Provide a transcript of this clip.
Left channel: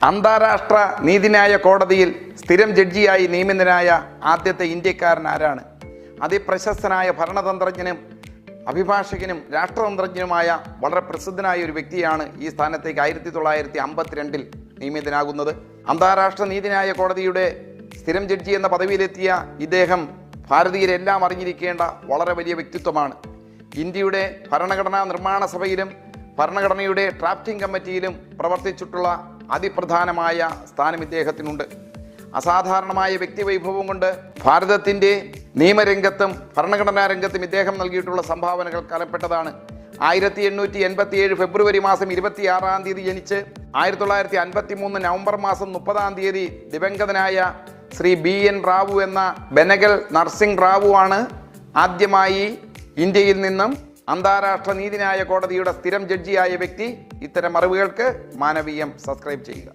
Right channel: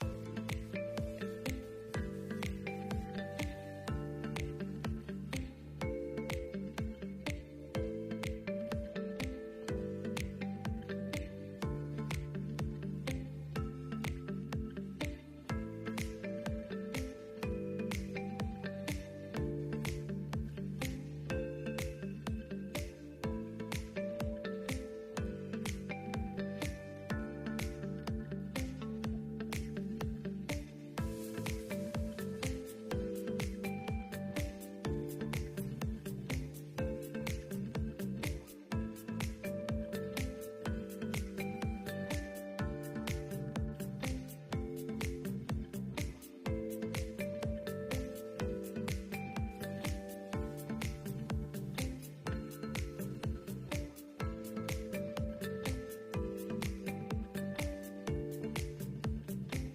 അന്താരാഷ്ട്ര നീതിന്യായ കോടതിയിൽ സ്ഥിരം ജഡ്ജിയായി നിയമിതനായ ആദ്യത്തെ ഇന്ത്യക്കാരൻ ആരാണ്? അതിപ്രശസ്തനായ ഭരണതന്ത്രജ്ഞനും അഭിഭാഷകനും രാഷ്ട്രതന്ത്രജ്ഞനുമായ വളരെ പ്രസിദ്ധനായ ഒരു വ്യക്തിയാണ് ഈ സ്ഥാനത്തേക്ക് 1952 നിയമിതനാകുന്നത്. അന്താരാഷ്ട്ര നീതിന്യായ കോടതിയുടെ സ്ഥിരം ജഡ്ജി എന്ന പദവിയിലെത്തിയ ഇദ്ദേഹം ഭാരതീയരെല്ലാം അറിഞ്ഞിരിക്കേണ്ട വളരെ വലിയ വ്യക്തിത്വമാണ്. ഇന്ത്യയുടെ ഭരണഘടനാ നിർമ്മാണ സഭയിലും ഭരണഘടനയുടെ ഡ്രാഫ്റ്റിംഗ് കമ്മിറ്റിയിലും പ്രവർത്തിച്ചിട്ടുള്ള അതിപ്രധാനമായ സ്ഥാനം ഇദ്ദേഹത്തിനുണ്ട്. അസാധാരണമായ വ്യക്തിവൈഭവം കൊണ്ട് ഭാരതത്തിൻ്റെ നിയമരംഗത്തും ഭരണഘടനാ രംഗത്തും ഇദ്ദേഹം നൽകിയിട്ടുള്ള സംഭാവനകൾ കലപ്പെട്ടതാണ്. 1887 ഫെബ്രുവരി മാസം 26 ജനിച്ച് 1953 നവംബർ മാസം 30 ദിവംഗതനായ ശ്രീ BN റാവു എന്ന ബെനഗൽ നർസിംഗ് റാവു ആണ് ആദ്യമായി ഇന്ത്യയിൽ നിന്നും അന്താരാഷ്ട്ര നീതിന്യായ കോടതിയുടെ സ്ഥിരം ജഡ്ജിയായ വ്യക്തി. ഇത്തരം അറിവുകൾക്ക് മാനവീയം സബ്സ്ക്രൈബ് ചെയ്യുക.